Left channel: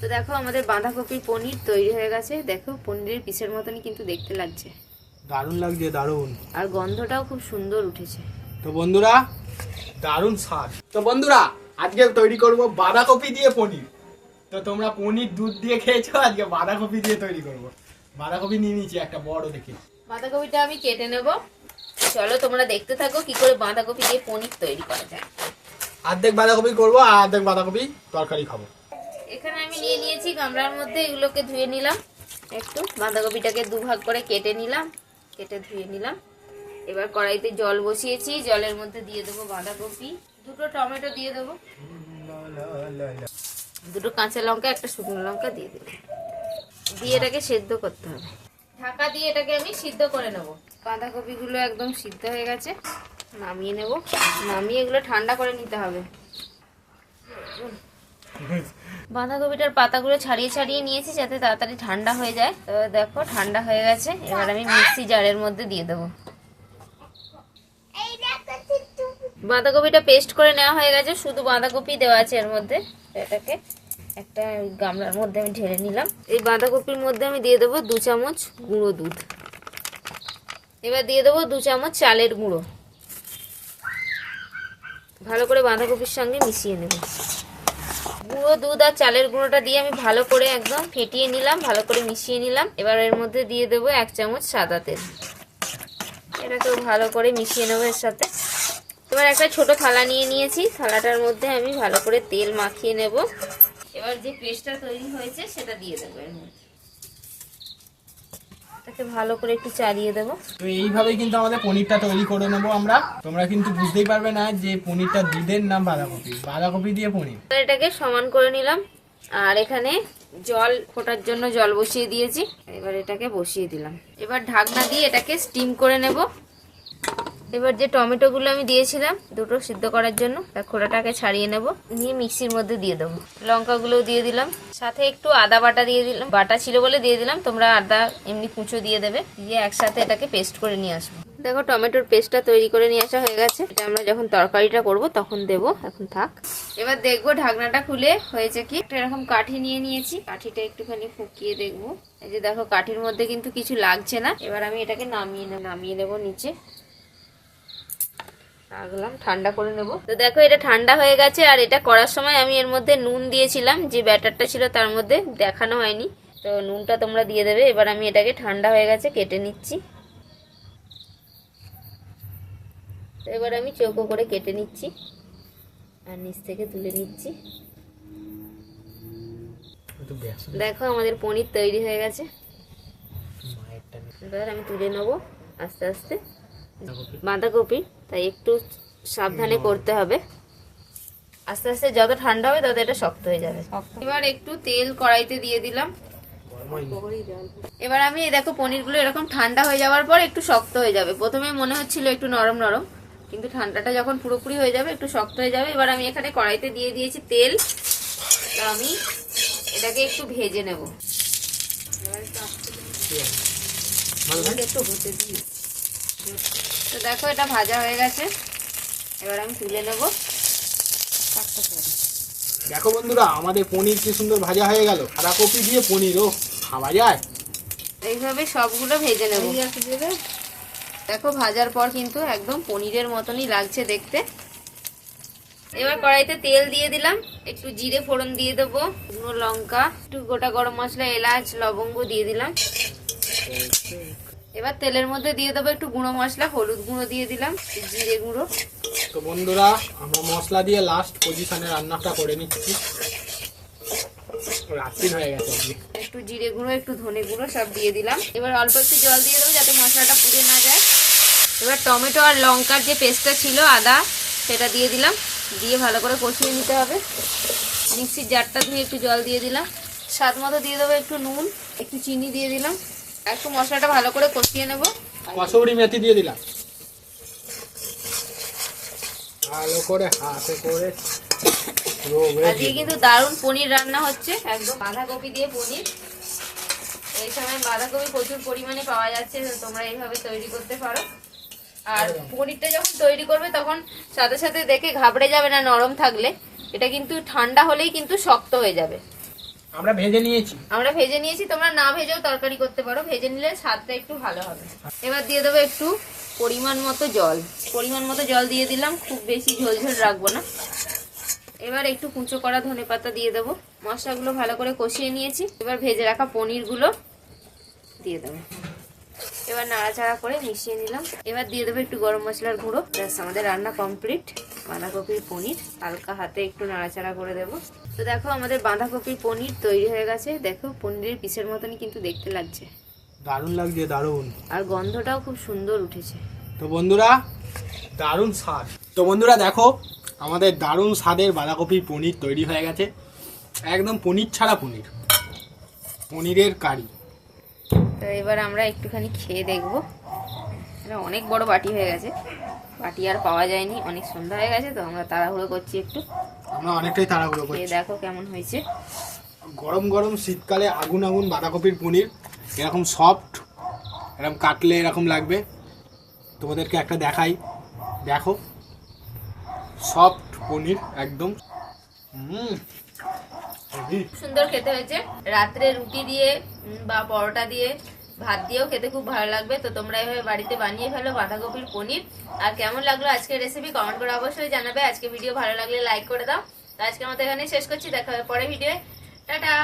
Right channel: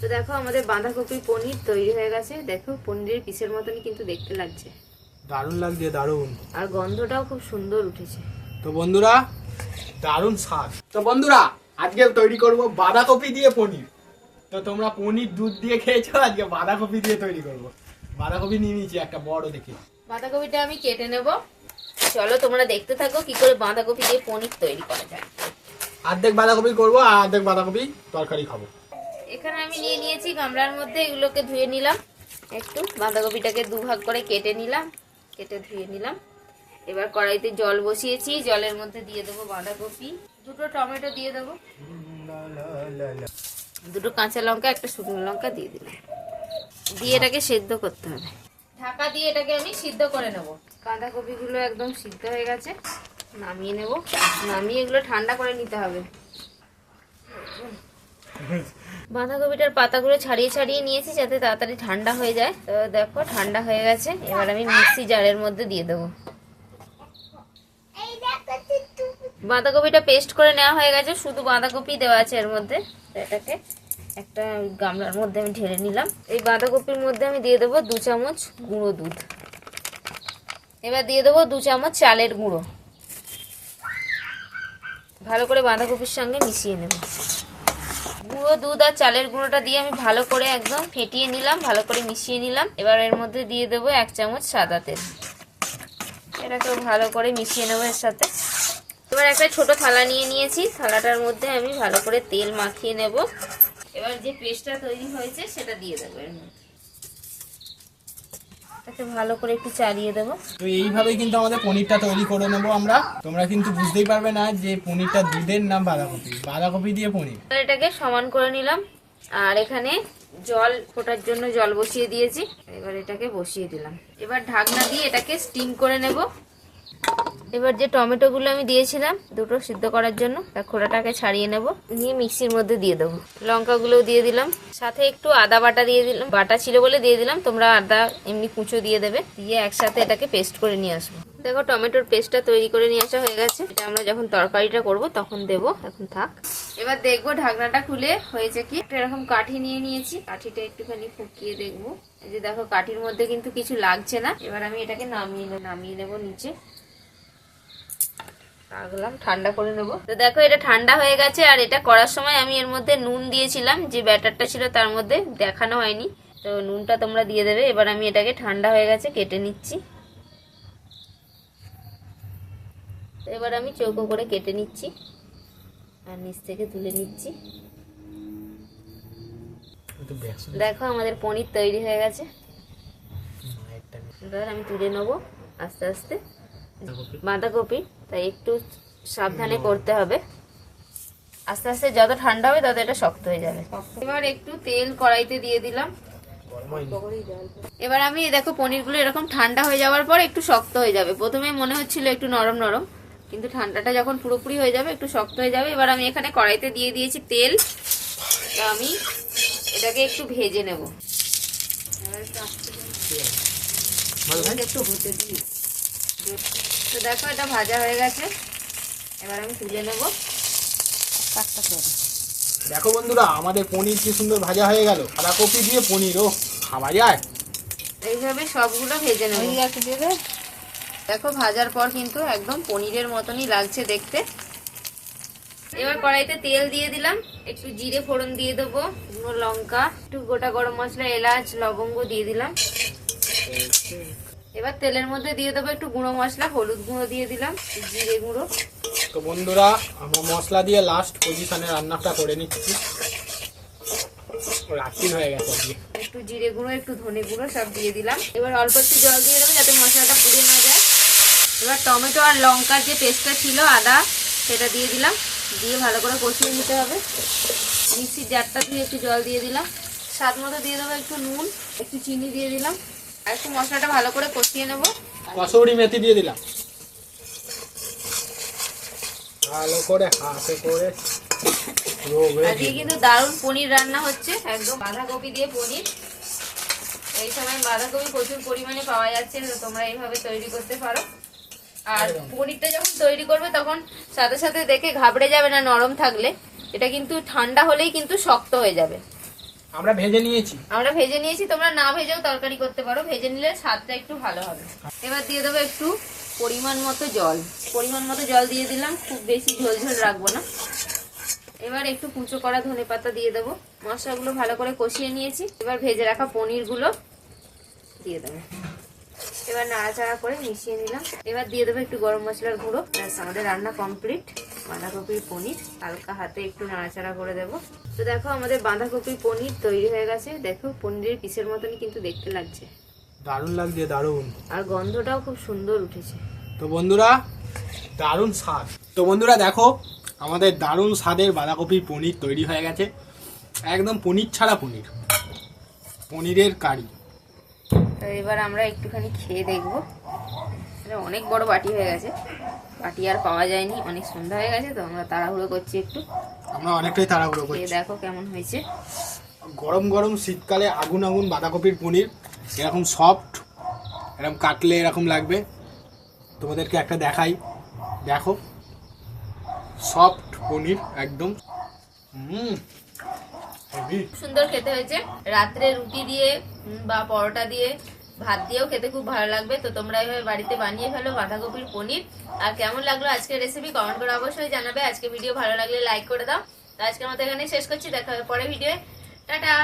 তো দেখো আমাদের বাঁধাকপি পনির তৈরি হয়ে গেছে। দেখো পনিরের পিসের মতন কিন্তু দেখতে লাগছে। দারুণ লাগছে দারুণ। আর গন্ধটাও খুব সুন্দর উঠেছে। তো বন্ধুরা দারুণ স্বাদ। তো বন্ধুরা আজকে তৈরি করব বাঁধাকপি দিয়ে পনির। তো তোমরা পনির দুধ দিয়ে খেয়েছো আজকে বাঁধাকপি দিয়ে তৈরি করব। বাঁধাকপি নিয়ে নিয়েছি একটা বড় দেখে। বাঁধাকপিটা আমি কেটে নেব। চলো তোমরা দেখতে থাকো কি করে বাঁধাকপি দিয়ে পনির তৈরি করা যায়। অর্ধেক বাঁধাকপি করব আর অর্ধেক বাঁধাকপি তরকারি খাব। এখানে আমি নিয়ে নিয়েছি, গামলার মধ্যে এগুলোকে ধুয়ে নিলাম। একটু বাঁধাকপিটাকে দুভাগ করে কেটে নিলাম, কেটে ধুয়ে নিলাম। এবার কড়াইতে জল বসিয়েছি, জলের মধ্যে দিয়ে দেবো বাঁধাকপি। দুটো টমেটো দিয়ে দেবো। দুটো কাঁচা লঙ্কা, একটা শুকনো লঙ্কা দিয়ে দিলাম। দিয়ে এটাকে সেদ্ধ করতে হবে। ঢাকা দিয়ে এটাকে আমি সিদ্ধ করে নেব। বাঁধাকপিগুলো একদম সিদ্ধ হয়ে গেছে, নামিয়ে নেব। নামিয়ে এগুলো ঠান্ডা করে নিতে হবে। বাঁধাকপিটার পাতাগুলো ছাড়িয়ে ছাড়িয়ে নিয়েছি যাতে তাড়াতাড়ি ঠান্ডা হয়ে যায়। তো দেখো, ঠান্ডা হয়ে গেছে। এবার আমি মিক্সি জারের মধ্যে দিয়ে দেবো। বাঁধাকপিটা পেস্ট করে নেওয়া হয়ে গেছে। শুধু বাঁধাকপি দেওয়া আছে এর মধ্যে। এটাকে একটা গামলার মধ্যে আমি ঢেলে নিলাম। এই বাঁধাকপির মধ্যে আমি দিয়ে দেবো দু চামচ গুঁড়ো দুধ। এবার দিয়ে দেবো দু চামচ চালের গুঁড়ো। ভালো করে বাঁধাকপির সঙ্গে মিশিয়ে নেব। গুঁড়ো, দুধ আর চালের গুঁড়োটা দিয়ে আমি ভালো করে একদম ফেটিয়ে নিলাম, ভালো করে মিশিয়ে নিলাম। এবার এর মধ্যে দিয়ে দেবো এক চামচ সাদা তেল। এটাকে ভালো করে মিশিয়ে নেব এর সাথে। এবার একটা ছোট থালা নিয়ে নিয়েছি। থালাটার মধ্যে আমি ভালো করে তেল মাখিয়ে নেব। এবার যে পেস্টটা তৈরি হয়েছে, সেটা দিয়ে দেবো এর মধ্যে। এটাকে ভালো করে একটু চালিয়ে দেবো। তো এইভাবেই কিন্তু আমাদের পনিরটা তৈরি করে নেব আমরা। তোমরা কিন্তু বুঝতেই পারবে না যে পনিরটা দুধের নাম বাঁধাকপি। বাঁধাকপি দিয়ে পনির। এটাকে সমান করে নিলাম। আর এখানে জল ফোটার জন্য জল বসিয়ে দিয়েছি। এবার এটাকে বসিয়ে দিলাম। এবার ঢাকনা দিয়ে এটাকে স্টিম করে নেব। এবার যে টমেটোগুলো আমি দিয়েছিলাম দুটো সিদ্ধ করার জন্য তার খোড়াটাকে ছাড়িয়ে নেব। নিয়ে মিক্সির মধ্যে দিয়ে দেবো। লঙ্কাগুলোও দিয়ে দিলাম। সাথে একটু আদা বাটা দিয়ে দিলাম। বাটা ছিল বলে দিয়ে দিলাম তোমরা আদা এমনি কুচো দিয়ে দেবে। দিয়ে একসাথে এটাকে পেস্ট করে নিয়ে আসব। দেখো টমেটোর পেস্টটা তৈরি করে নিয়ে আসা হয়ে গেছে। এটা আমরা যখন তরকারিটা করব তখন দেব। এখন থাক। এবার দেখব ঢাকনাটা খুলে হয়েছে কি? একটা এরকম কাঠি নিয়ে নিয়েছি। কাঠিটা একটুখানি ফুকিয়ে দেখব। এই যে দেখো কাঠির মধ্যে কিন্তু কিছু লাগছে না। এবার আমি এটাকে নামিয়ে নামিয়ে নেব নিচে। রাখলাম ঠান্ডা করে নেব। তো দেখো এটা ঠান্ডা হয়ে গেছে আর এটা করার সময় আমি এর মধ্যে নুন দিয়েছিলাম যে ব্যাটারটা ছিল তার মধ্যে দেখানো হয়নি। তো নুনটা তোমরা দিয়ে দেবে এবার আমি এটাকে ঠান্ডা হয়ে গেছে কেটে নিচ্ছি। তো এবার আমি চৌকো করে কেটে নিচ্ছি আর নিচ থেকে তুলে নিচ্ছি। দেখো আমাদের পনির তৈরি হয়ে গেছে। এবার আমি তুলে নেব আস্তে আস্তে। বাঁধাকপি। তাই একটু সাবধানে করতে হবে। আস্তে আস্তে যত ঠান্ডা হবে তত এটা শক্ত হয়ে যাবে। এবার একটু তেল কড়াইতে দিয়ে দিলাম। এবার আমি দেখো পনিরগুলো এরকম ঠান্ডা হয়ে যাওয়ার পর একটু শক্ত হয়ে যাবে। প্রথমে মনে হচ্ছিল একটু নরম নরম কিন্তু ঠান্ডাটা যখন পুরোপুরি হয়ে যাবে একটু শক্ত হয়ে যাবে। এবার আমি এখানে কড়াইতে দিয়ে দিয়েছি তেল। তো আমি এটাকে একটু ভেজে নেব। একটু দিই। তো দেখো এটা ভাজা হয়ে গেছে। এবার আমি তুলে নেব। দেখো বন্ধুরা আমাদের পনির কি সুন্দর ভাজা হয়ে গেল। বাঁধাকপি দিয়ে পনির ও খাওয়া যায়? এইভাবে সবগুলো ভেজে নেব। দেখো ভাজার পর কিন্তু একদম পনিরের মতনই লাগছে দেখতে। এবার কড়াইতে তেল দিয়ে দিলাম। একটু জিরে ফোড়ন দিয়ে দেবো লঙ্কা একটু গোটা গরম মশলা এলাচ লবঙ্গ দিয়ে দিলাম। এবার তেলের মধ্যে দিয়ে দেবো একটু গুঁড়ো মশলা হলুদ গুঁড়ো দিয়ে দিলাম জিরে গুঁড়ো। তো বন্ধুরা আমরা মশলা দিয়ে লাস্ট পজিশনে রান্নাটা করে নিচ্ছি। রাত্রি হয়ে গেছে একটু জিরে গুঁড়ো একটু ধনে গুঁড়ো সব দিয়ে দিলাম। এবার অল্প একটু জল দিয়ে দেবো যাতে মশলাটা পুড়ে না যায়। এবার টমেটো আর লঙ্কার যে পেস্টটা ছিল আদা সেটা দিয়ে দিলাম। দিয়ে ভালো করে কষিয়ে নিতে হবে। মিক্সির জারটা ধুয়ে একটু জল দিয়ে দিলাম। স্বাদ মতো দিয়ে দেবো একটু নুন একটু চিনি দিয়ে দিলাম। একটু মশলাটা ভালো করে কষিয়ে নেব। কসৌরি মেথি দিয়ে দিলাম। ভালো করে হাতে করে আজকে কিন্তু দারুণ পনির রান্না হচ্ছে একদম বাঁধাকপি দিয়ে পনির। এই সময় বাঁধাকপি প্রচুর পরিমাণে পাওয়া যাচ্ছে তোমরা এইভাবে তৈরি করতে পারো। আর পনিরটা যখন তৈরি করবে তখন সাথে সাথে দেখে ঘাবড়ে যাবে না নরম থাকলে। এটা কিন্তু ঠান্ডা হলেই কিন্তু শক্ত হয়ে যাবে। আমরা ভেজে নিয়েছি। আমরা ভেজে নিয়েছি, তোমরা না ভেজেও তরকারি করতে পারো। ভেজে নিলে স্বাদটা একটু ভালো হবে। এবার দিয়ে দেবো একটু পরিমাণ মতো জল। পরিমাণ মতো জল দিয়ে দিলাম, খুব বেশি ঝোল ঝোল রাখব না। এবার একটু কুচো করা ধনে পাতা দিয়ে দেবো। মশলাগুলো ভালো করে কষিয়ে নিয়েছি। এবার ভেজে রাখা পনিরগুলো দিয়ে দেবো। এবার নাড়াচাড়া করে মিশিয়ে নিলাম। এবার দিয়ে দেবো একটু গরম মশলার গুঁড়ো। আমাদের রান্না কমপ্লিট। বাঁধাকপির পনির হালকা হাতে একটু নাড়াচাড়া করে দেবো। তো দেখো আমাদের বাঁধাকপির পনির তৈরি হয়ে গেছে। দেখো পনিরের পিসের মতনই কিন্তু দেখতে লাগছে। দারুণ লাগছে দারুণ। আর গন্ধটাও খুব সুন্দর উঠেছে। তো বন্ধুরা দারুণ স্বাদ। তো বন্ধুরা দেখো আমাদের দারুণ স্বাদের বাঁধাকপির পনির তৈরি হয়ে গেছে। একদম পনির ছাড়া পনির। পনিরের কারি। তো এবার আমরা একটুখানি খেয়ে দেখব। অনেক বড় বাটি হয়ে গেছে। বাটি আর পাওয়া যায়নি। অনেক সন্ধ্যা হয়ে গেছে তো আমরা তাড়াহুড়ো করছি একটু। আমরা অনেকটাই তাড়াহুড়ো করছি। দেখো কেমন হয়েছে। গরম গরম শীতকালে আগুন আগুন বাঁধাকপির পনির এরকম সফট এরকম কাটলে এরকম লাগবে। তোমাদেরকে একটা দেখাই। দেখো সফট পনির একদম। সুন্দর খেতে হয়েছে। রাত্রে রুটি দিয়ে বা পরোটা দিয়ে ভাত দিয়েও খেতে খুব ভালো লাগবে। তো তোমরা এভাবে বাড়িতে বানিয়ে ফেলো বাঁধাকপির পনির। আর কেমন লাগল আজকের রেসিপি কমেন্ট করে অবশ্যই জানাবে। আজকে ভিডিও ভালো লাগলে লাইক করে দাও। তো মতো এখানে শেষ করছি। দেখা হবে পরে ভিডিও টাটা!